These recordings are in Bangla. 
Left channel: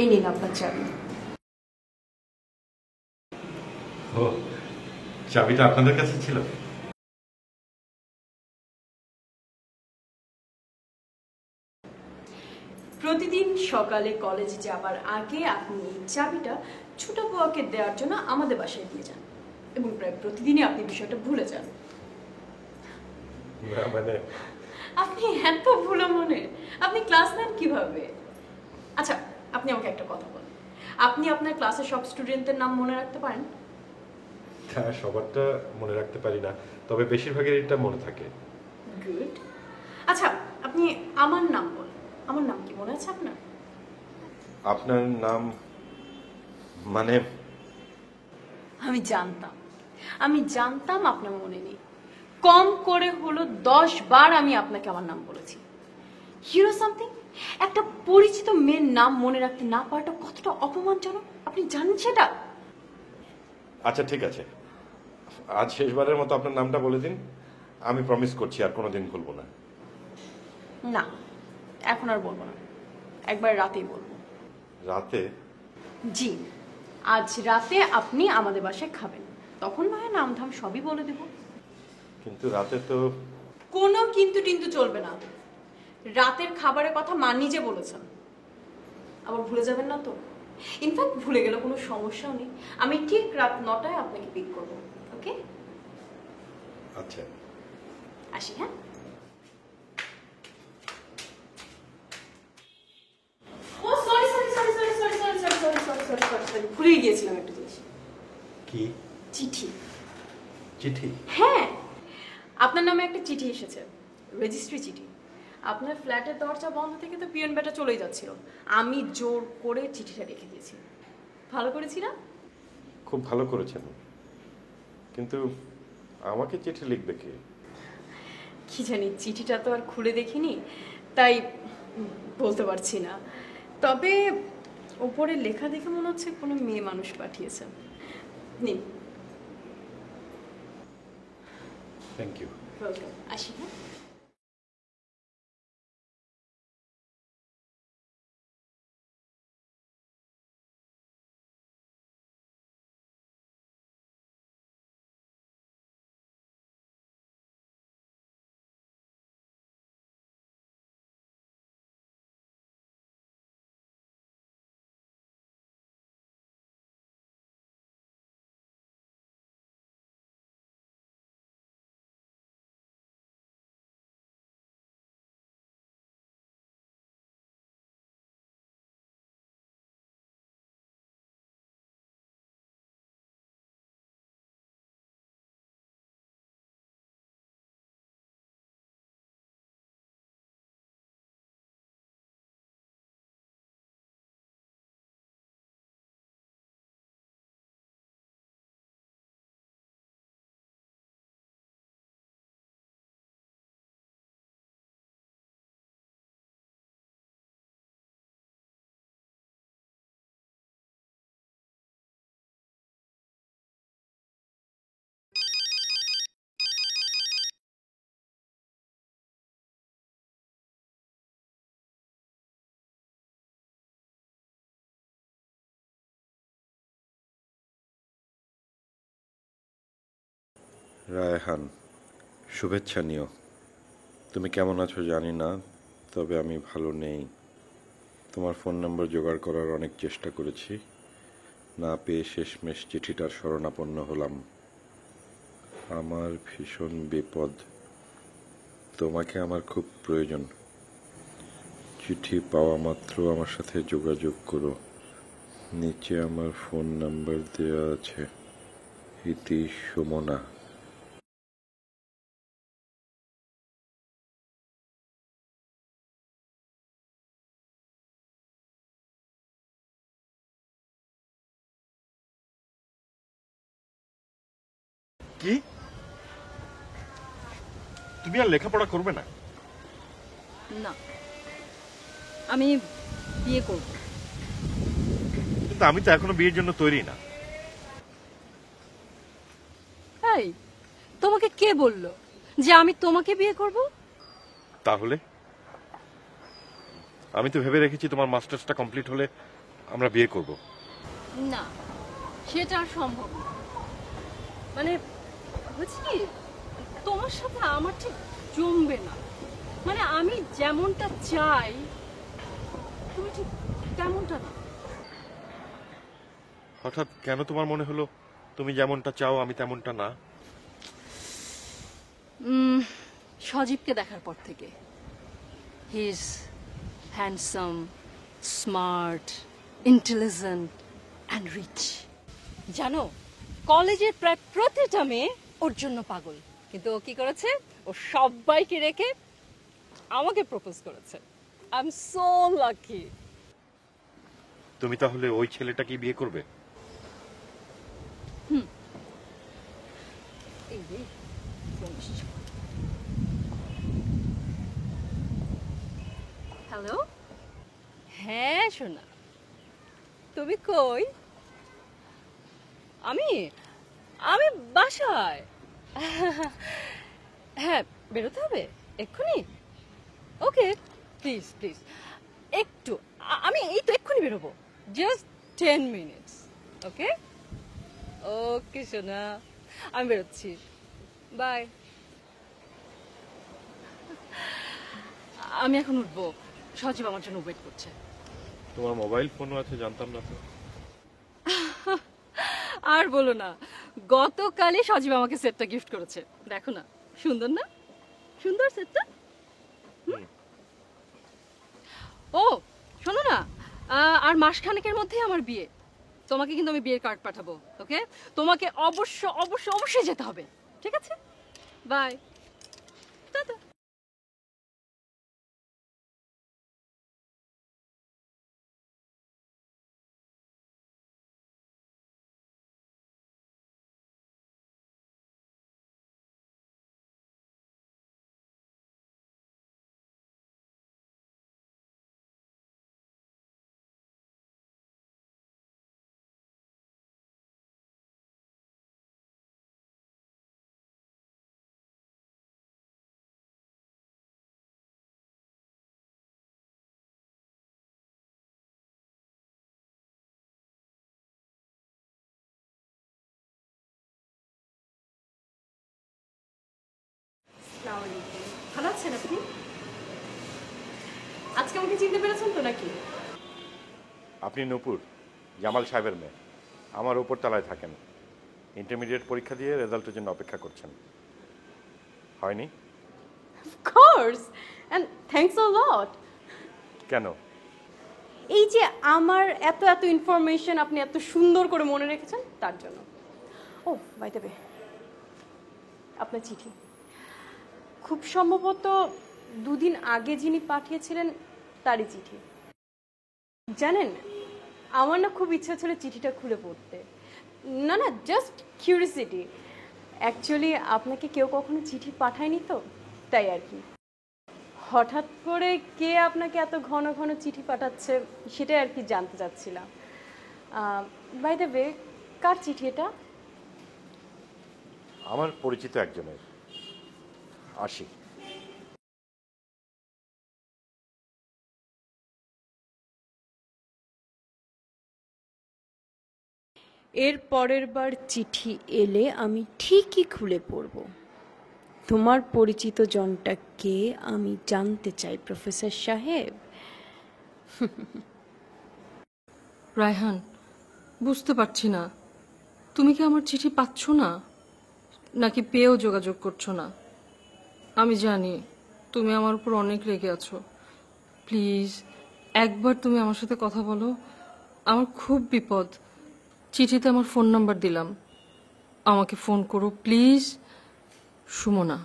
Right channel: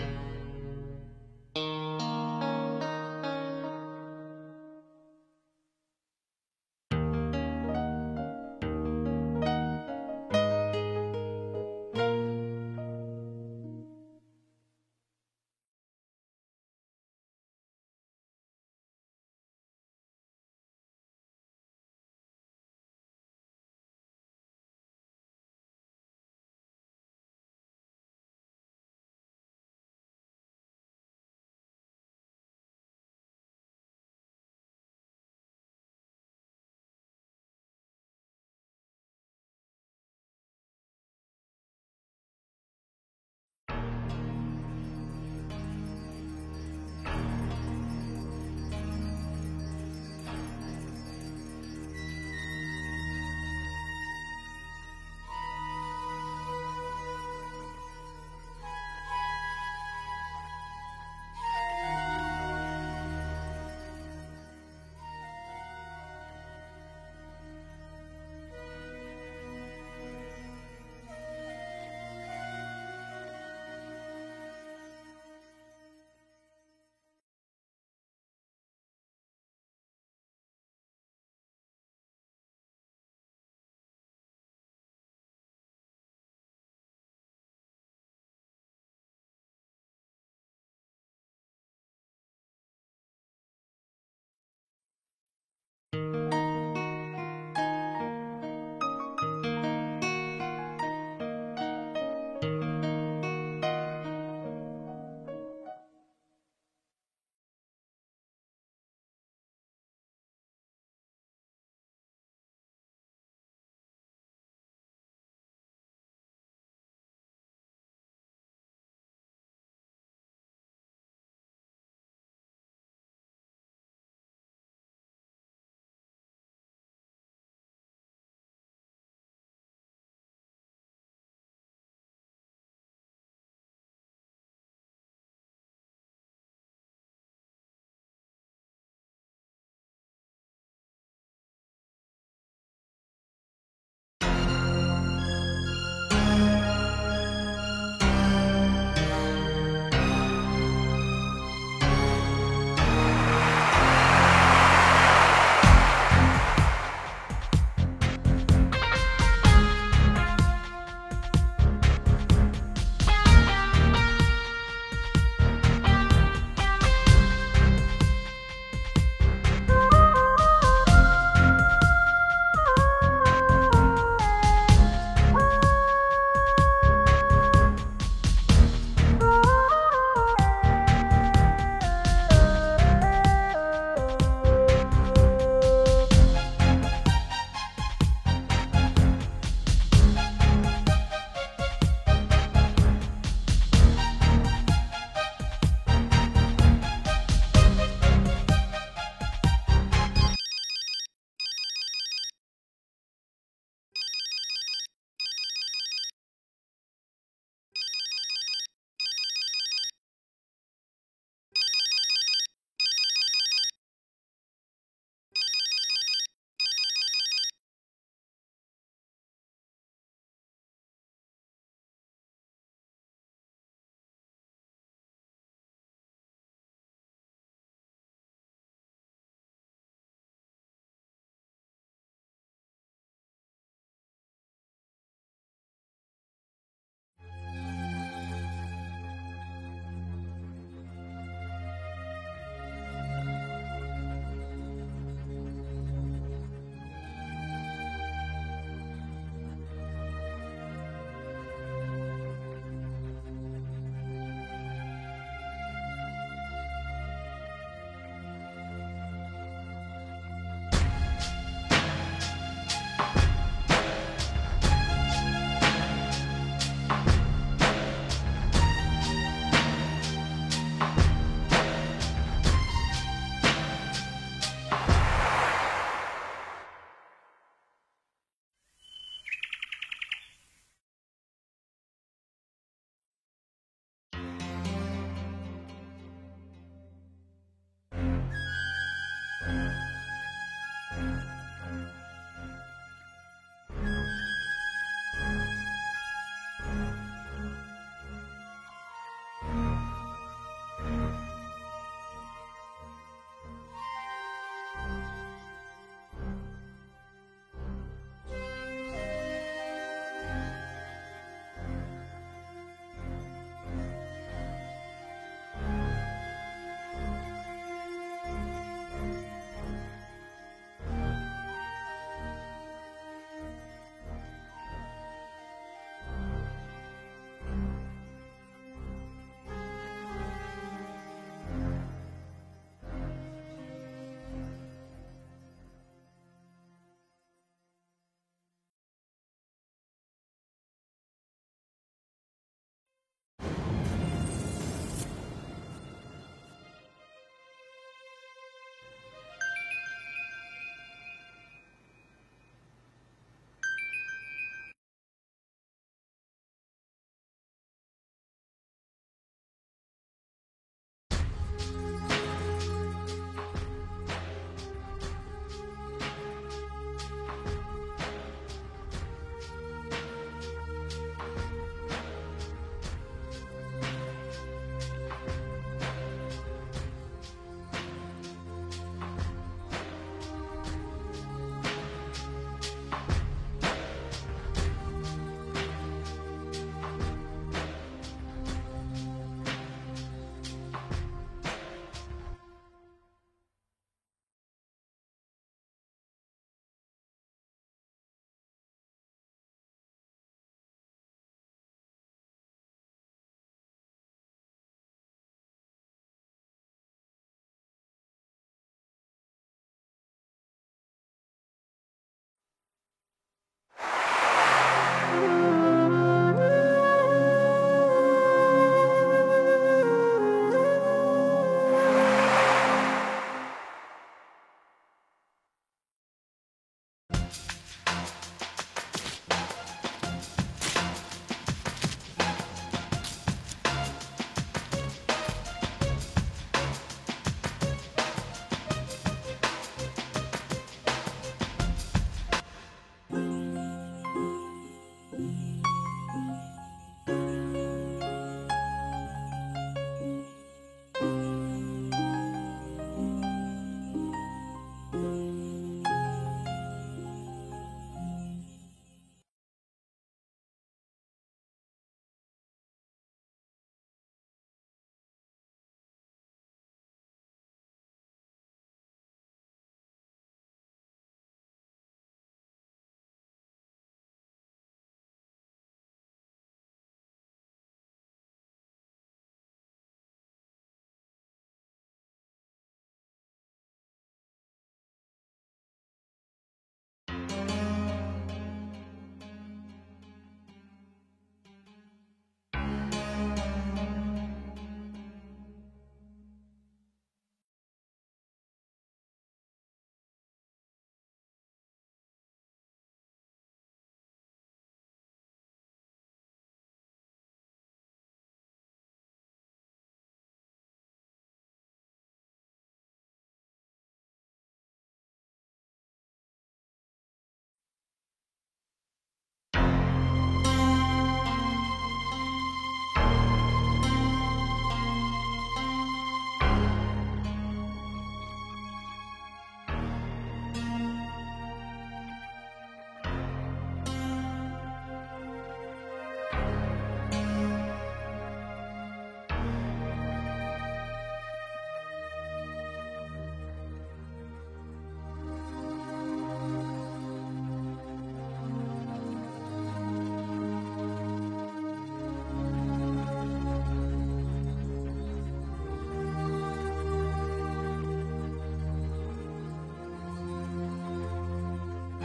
এই নিন আপনার চাবি। ও, চাবিটা আপনাদের কাছে ছিল? প্রতিদিন সকালে কলেজে যাবার আগে আপনি এই চাবিটা ছোট বুয়াকে দেওয়ার জন্য আমাদের বাসায় দিয়ে যান এবং প্রায় প্রতিদিনই আপনি বিষয়টা ভুলে যান। না মানে আপনি এত ভুলো মনে, আপনি ক্লাস নেন কিভাবে? আচ্ছা, আপনি আমাকে একটা কথা বলেন, আপনি আপনার ক্লাসের সব স্টুডেন্টদের নাম মনে রাখতে পারেন? তা সবারটা মনে রাখতে পারি না, তবে বেশিরভাগের এটা মনে থাকে। গুড। আচ্ছা, আপনি আমার নাম বলেন, আমার নাম কি মনে আছে আপনার? আপনার নাম মানে? আমি জানতাম আপনার মনে নেই। কম করে হলো 10 বার আমি আপনাকে আমার নাম বলেছি। হিরো সামথিং, একটা পরিচিত মেয়ের নাম মনে রাখতে না পারাটা কতটা অপমানজনক আপনি জানেন সেটা? আচ্ছা ঠিক আছে, আজ শেষবারের মতো আপনার নামটা বলে দিন। আমি প্রমিস করছি আর কোনোদিন ভুলবো না। না, এখন আর বলবো না, একবার রাতেই বলবো। রাতে? জি, আজ রাতে আপনি আমাদের বাসায় খাবেন, তখন না হয় নাম ধাম সবই বলে দেব। কিন্তু রাতে তো। কোনো কিন্তু টিন্তু চলবে না। রাতের খাবারের কথা মা নিজে বলেছেন। আবার ভুলে যাবেন না তো? ইনফ্যাক্ট ভুলে গেলে কোনো সমস্যাও নেই, আমি ঠিক রাত 9টায় আপনাকে পিক করব। ওকে? আচ্ছা। আসি, হ্যাঁ? ও sorry sorry sorry sorry sorry sorry sorry sorry sorry sorry sorry sorry ভুলেই গিয়েছিলাম একটা জিনিস। কি? চিঠি। চিঠি? হ্যাঁ, আপনার নামে একটা চিঠি এসেছে, রেজিস্ট্রি চিঠি। আপনার ফ্ল্যাটের দরজা বন্ধ থেকে তো পিয়ন বেটা চলেই যাচ্ছিল, আমি জোর করে চিঠিটা রেখে দিয়েছি। ভালো করেছি না? খুব ভালো করেছেন, কিন্তু আমাকে চিঠি লিখবে কে? কি জানি, চিঠিটা তো আর খুলে দেখিনি, তাই বলতে পারছি না। তবে ওপরে লেখা দেখে মনে হচ্ছে কোনো মেয়ে মানুষ পাঠিয়েছে। নিন। Thank you. ওয়েলকাম। আসি, হ্যাঁ? রায়হান, শুভেচ্ছা নিও। তুমি কেমন আছো জানি না, তবে আমি ভালো নেই। তোমার ফোন নম্বর জোগাড় করার অনেক চেষ্টা করেছি, না পেয়ে শেষমেশ চিঠিটার শরণাপন্ন হলাম। আমার ভীষণ বিপদ, তোমাকে আমার খুব প্রয়োজন। চিঠি পাওয়া মাত্র আমার সাথে যোগাযোগ করো। নিচে আমার ফোন নাম্বার দেওয়া আছে। ইতি সুমনা। তুমি আর লেখাপড়া করবে না? না, আমি বিয়ে করব। কিন্তু আমি তো এখনো বিয়ের জন্য তৈরি না। এই, তোমাকে কে বললো যে আমি তোমাকে বিয়ে করব? তাহলে আমি তো ভেবে রেখেছি তোমার মাস্টার্সটা কমপ্লিট হলে আমরা বিয়ে করব। না, সেটা আর সম্ভব না। মানে হচ্ছে কি, তোমার সাথে আমার ঠিক জমবে না। মানে আমি যেমনটা চাই তুমি ঠিক তেমনটা না। হঠাৎ কেন তোমার মনে হলো তুমি যেমনটা চাও আমি তেমনটা না? সজীবকে দেখার পর থেকে he is handsome, smart, intelligent and rich. জানো, কলেজের প্রায় প্রতিটা মেয়ে ওর জন্য পাগল, কিন্তু ও কি করেছে? ও সবাইকে রেখে আমাকে প্রপোজ করেছে। I am so lucky. তুমি তাহলে ওই ছেলেটাকে বিয়ে করবে? হ্যালো, হ্যাঁ সোনা, তুমি কই? আমি আমি বাসায়। হ্যাঁ, বেরোতে হবে এক্ষুনি? ওকে, প্লিজ প্লিজ একটু, আমি এই তো এক্ষুনি বেরোবো, জাস্ট 10 মিনিটস। ওকে ওকে সোনা, আমি বেরোচ্ছি, বাই। আমি এখন উঠবো, সজীব আমার জন্য ওয়েট করছে। তোমার মোবাইল ফোনও আছে, জানতাম না তো। আর বলো না, গতকালই সজীব আমাকে সেটটা গিফট করেছে। দেখো না, সুন্দর না? সুন্দর সেটটা। ও শোনো না, আর মাসখানেকের মধ্যেই আমার বিয়ে। তোমাকে কিন্তু আমি বিয়ের কার্ড পাঠাবো। ওকে, তোমাকে অবশ্য অবশ্য অবশ্যই যেতে হবে, ঠিক আছে? Bye, tata. ভালো আছেন আপনি? আজকে আমাকে চিনতে পেরেছেন তো নাকি? আপনি নূপুর, জামাল সাহেবের মেয়ে। আমার উপর তলায় থাকেন। ইন্টারমিডিয়েট পরীক্ষা দিয়ে রেজাল্টের জন্য অপেক্ষা করছেন, হয়নি? Of course, and thanks a lot. কেন? এই যে আমার এত এত ইনফরমেশন আপনি এত সুন্দর করে মনে রেখেছেন তার জন্য। ও বাই দ্য ওয়ে, আপনার চিঠি খুব সম্ভবত দুদিন আগে যিনি পাঠিয়েছিলেন তারই চিঠি। জানেন, আমার না খুব ইচ্ছা ছিল চিঠিটা খুলে পড়তে। না না, জাস্ট কিউরিসিটি। অ্যাকচুয়ালি আপনাকে কেউ কখনো চিঠি পাঠায়নি তো, তাই আর কি। হঠাৎ করে কে আপনাকে এত ঘন ঘন চিঠি পাঠাচ্ছে সেটাই আর কি জানতে চাচ্ছিলাম। বাই দ্য ওয়ে, কার চিঠি এটা? আমার পরিচিত একজনের, আশিক। এর পরের বার চিঠি এলে আমি ঠিকই খুলে পড়ব। তোমার পরিচিত জনটা কে আমি জানতে চাই প্রফেসর সাহেব। রায়হান, বুঝতে পারছি না, তুমি কি আমার চিঠি পাচ্ছ না, নাকি পেয়েও যোগাযোগ করছো না? আমি জানি তুমি আমার উপর অনেক রেগে আছো। প্লিজ একবার তুমি আমার সাথে কথা বলো, আমার খুব বিপদ। চিঠিতে আমার ফোন নাম্বার দিলাম, আমাকে ফোন করো প্লিজ। সুমনা।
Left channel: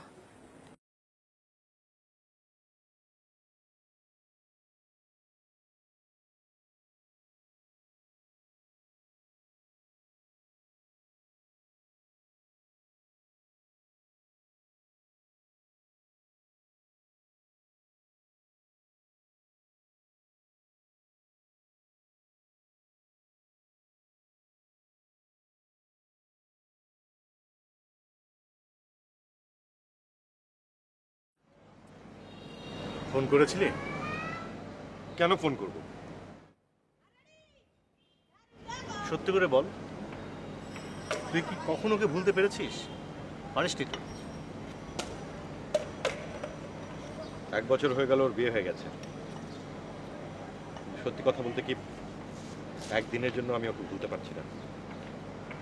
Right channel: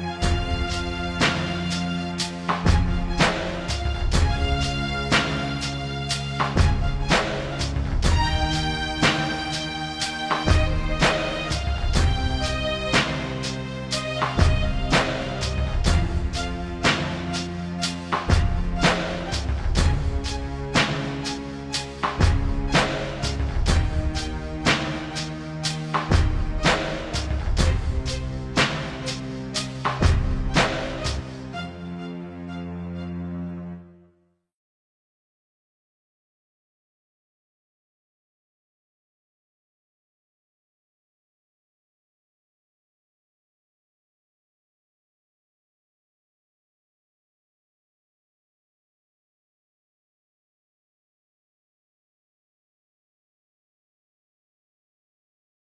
ফোন করেছিলি? কেন ফোন করব? সত্যি করে বল, তুই কি কখনো ওকে ভুলতে পেরেছিস? অনেস্টলি। 1 বছর হয়ে গেল ওর বিয়ে হয়ে গেছে। সত্যি কথা বলতে কি, একদিনের জন্য আমি ওকে ভুলতে পারছি না।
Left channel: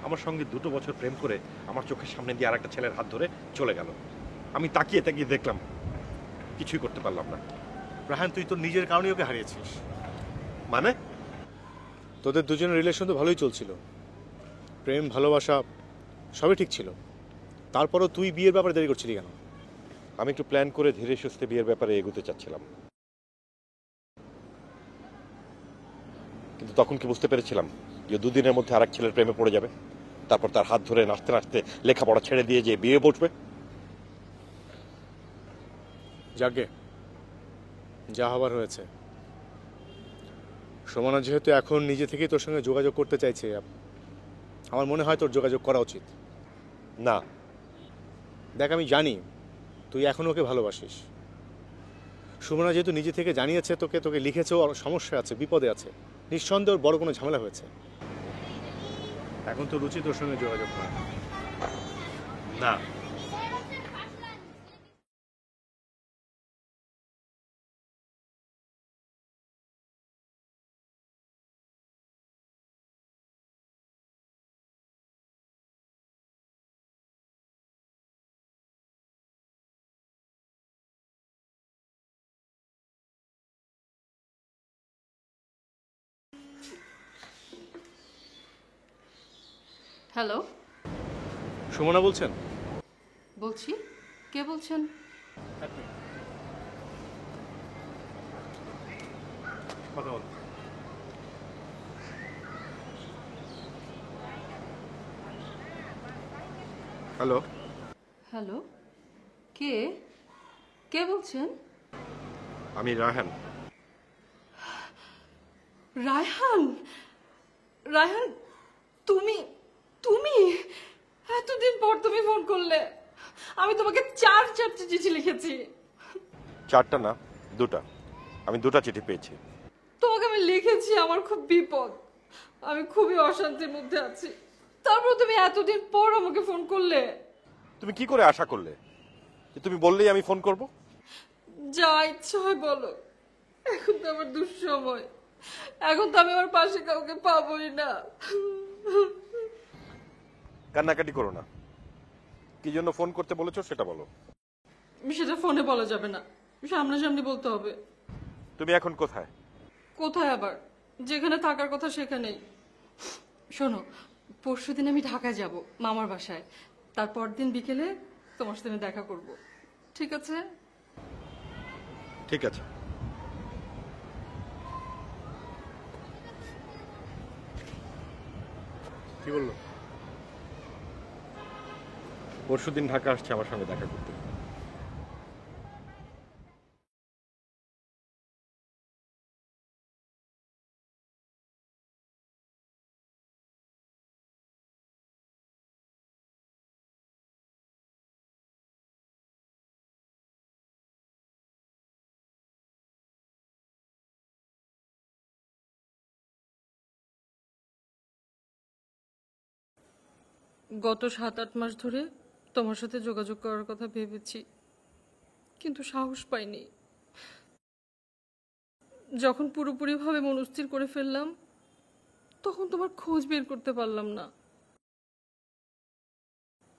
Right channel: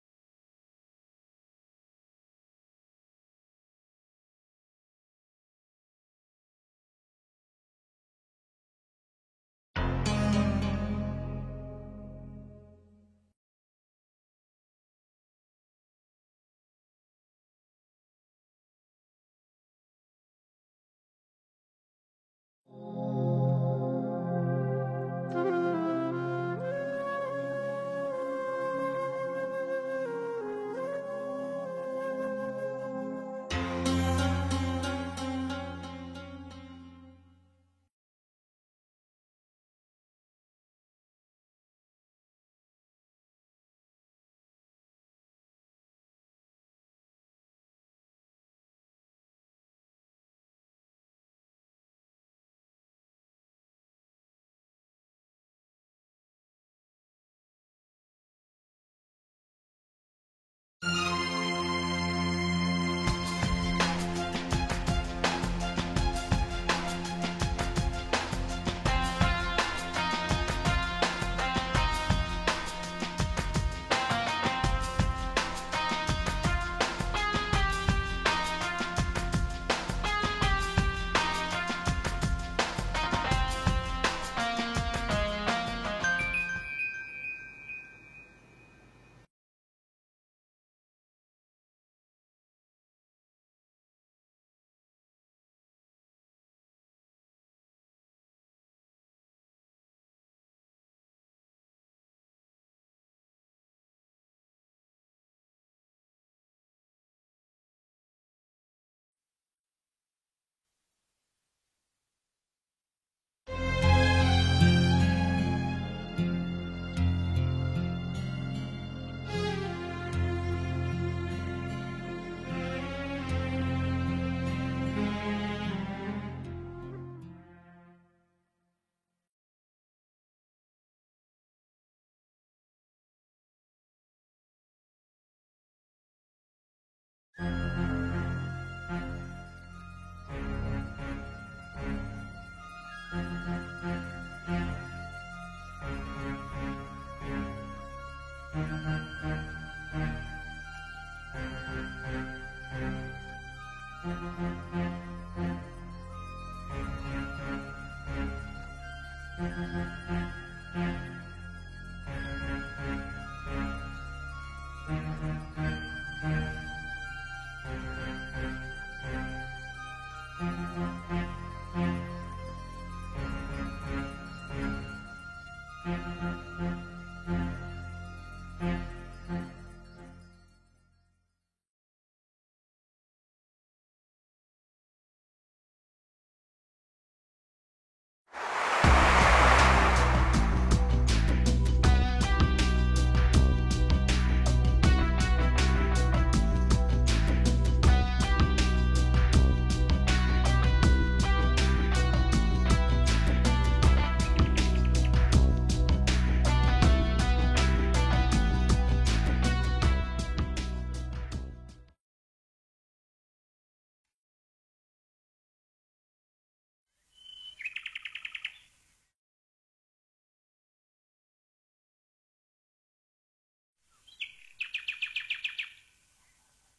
আমার সঙ্গে 2 বছর প্রেম করে আমার চোখের সামনে দিয়ে আরেকটা ছেলের হাত ধরে চলে গেল। আমি তাকিয়ে তাকিয়ে দেখলাম, কিছুই করতে পারলাম না। রাহান, তুই তোর নিজের কারণে ওকে হারিয়েছিস। মানে? তোদের দুজনের রিলেশন তো ভালোই চলছিল, প্রেম ভালোবাসা সবই ঠিক ছিল। তারপরও তুই বিয়ের ব্যাপারে দেরি করছিলি কেন? আমি একটু প্ল্যান করে ধীরে সুস্থে বিয়ের ব্যাপারে এগোতে চাচ্ছিলাম, কিন্তু তখন কি বুঝতে পেরেছিলাম যে 2 দিনের মধ্যে আরেক ছেলের প্রেমে পড়ে যাবে, তারপর তার হাত ধরে নাচতে নাচতে লেখাপড়া ছেড়ে দিয়ে যে বিয়ে বসবে। যাকে যা হবার হয়েছে। সুমনা যেহেতু এখন নিজে থেকেই তোর সঙ্গে যোগাযোগ করতে চাইছে, আমার মনে হয় তোর যোগাযোগ করা উচিত। না, দেখ, আমি জানি তুই এখন ওকে ভালোবাসিস। সুমনা যেহেতু নিজে থেকে জানিয়েছে তোকে, তোকে লিখেছে ওর সমস্যা আছে, বিপদে আছে, নিঃসন্দেহে ওর বড় কোনো ঝামেলা হয়েছে। এখন তোর উচিত ওর সঙ্গে যোগাযোগ করা। না, হ্যালো, সুমনা বলছেন? বলছি। কে বলছেন? কথা বল। হ্যালো, হ্যালো, কে কে বলছেন? আমি রায়হান। রায়হান, রায়হান, তুমি তুমি এতদিন পর তুমি ফোন করলে। আমি তোমাকে 4 চিঠি লিখেছি। 4টা না, 2টা। আমি 2টা চিঠি পেয়েছি। তোমাকে আমি লিখেছি, আমার খুব বিপদ, আমি খুবই অশান্তির মধ্যে আছি। তারপর তুমি এতদিন পর আমাকে ফোন করলে। তুমি কি করে আশা করলে যে তুমি বললেই আমি ফোন করব? যা ইচ্ছা হয় বলো, এখন তো আমার দুঃসময়, এখন তো আমি আমার পাশে কাউকে পাবোই না। কান্নাকাটি করো না। কি জন্য ফোন করতে বলেছো সেটা বলো। সেটা ফোনে বলা যাবে না, সামনাসামনি বলতে হবে। তুমি এখন কোথায়? কোথায় আবার? যেখানে থাকার কথা সেখানেই। শোনো, পরশুদিন আমি ঢাকায় যাব মামার বাসায়, তারপর দিন বিকেলে তোমার সাথে দেখা করব, ঠিক আছে? ঠিক আছে। কি বললো? পরশুদিন ঢাকা আসছে আমার সঙ্গে দেখা করতে। গত 7-8 মাস ধরে তোমার সাথে যোগাযোগ করার কথা ভেবেছি, কিন্তু সাহস পাইনি। যখন পুরোপুরিভাবে মনস্থির করে ফেললাম, তখন তোমার খোঁজ বের করতে পারলাম না।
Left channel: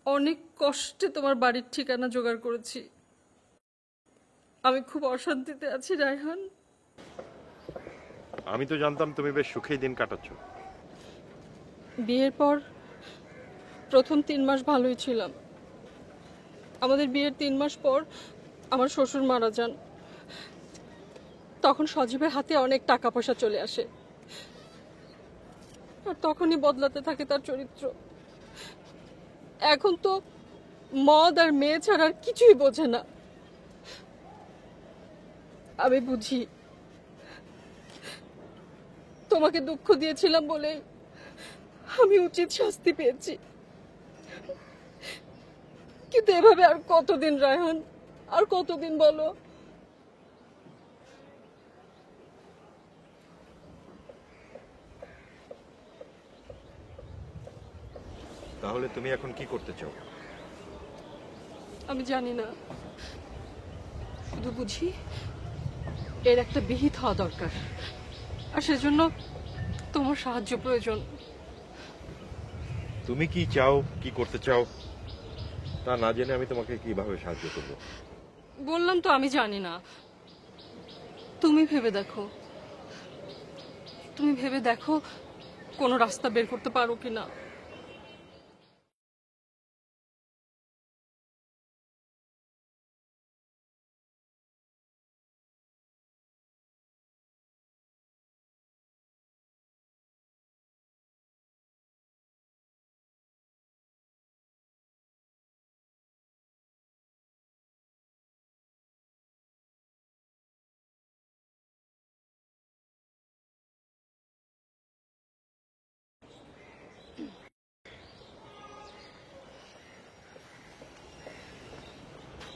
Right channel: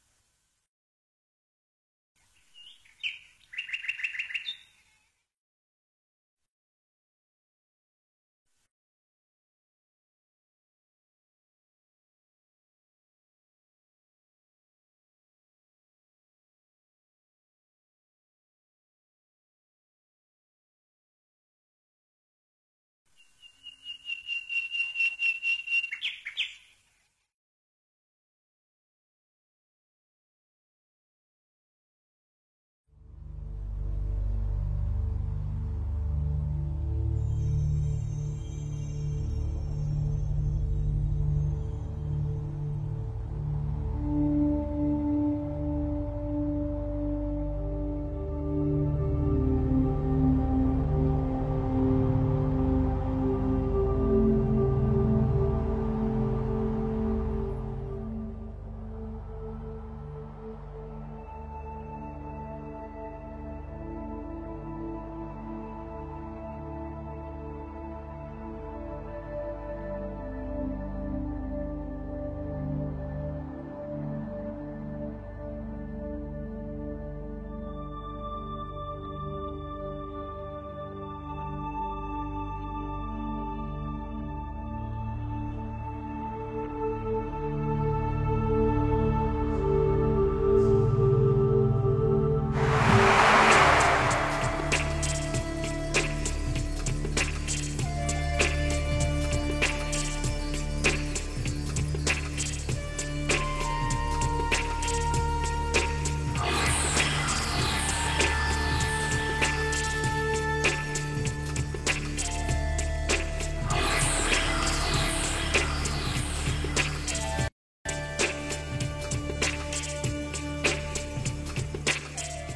অনেক কষ্টে তোমার বাড়ির ঠিকানা জোগাড় করেছি। আমি খুব অশান্তিতে আছি রায়হান। আমি তো জানতাম তুমি বেশ সুখেই দিন কাটাচ্ছ। বিয়ের পর প্রথম 3 মাস ভালোই ছিলাম। আমাদের বিয়ের 3 মাস পর আমার শ্বশুর মারা যান। তখন সজীবের হাতে অনেক টাকা পয়সা চলে আসে, আর তখনই বদলাতে থাকে তার চরিত্র। এখন তো মদ আর মেয়ে ছাড়া আর কিছুই বোঝে না। আমি বুঝি তোমাকে দুঃখ দিয়েছিলাম বলে আমি উচিত শাস্তি পেয়েছি, কিন্তু এভাবে আর কতদিন রায়হান, আর কতদিন বলো? তাহলে তুমি এখন কি করতে চাও? আমি জানি না, শুধু বুঝি এর একটা বিহিত হওয়া দরকার, আর সেজন্য তোমার সাহায্য প্রয়োজন। তুমি কি চাও, কি করতে চাও তা না জেনে আমি তোমাকে কিভাবে সাহায্য করবো? বললাম তো আমি জানি না। তুমি ভেবে দেখো, তুমি ভেবে দেখো কোনো রাস্তা বের করতে পারো কিনা।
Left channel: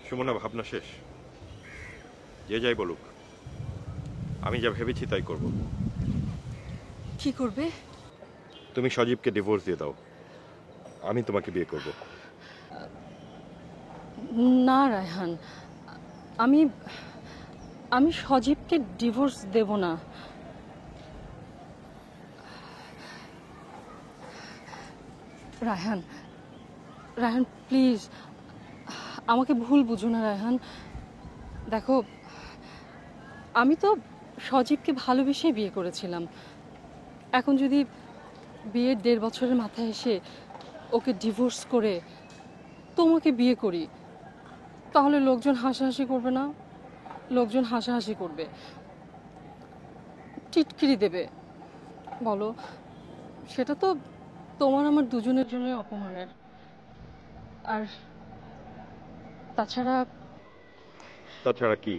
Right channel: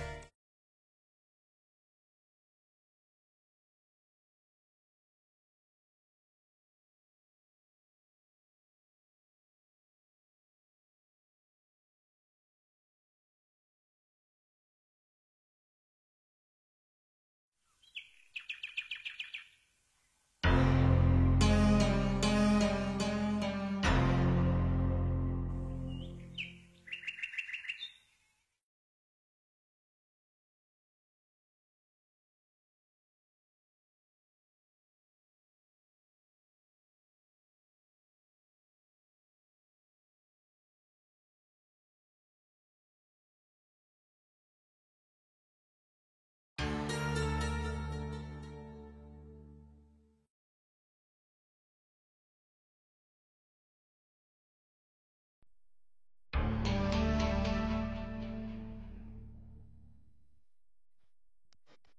সুমনা, ভাবনা শেষ। যে যাই বলুক, আমি যা ভেবেছি তাই করব। কি করবে? তুমি সজীবকে ডিভোর্স দিয়ে দাও, আমি তোমাকে বিয়ে করব। না রায়হান, আমি আমি সজীবকে ডিভোর্স দেব না। রায়হান, রায়হান প্লিজ, আমাকে ভুল বুঝো না রায়হান। দেখো, আমি তো সজীবকে ভালোবেসে বিয়ে করেছিলাম। এখন যদি বিয়ের 1.5 বছরের মাথায় এসে ওকে ডিভোর্স করে তোমাকে বিয়ে করি, তাহলে লোকজন হাসাহাসি করবে না? লোকজন হাসাহাসি করবে, টিটকিরি দেবে। বলো, সেটা তো তোমার আমার দুজনের জন্য অপমানের। আর তাছাড়া তাছাড়া কি?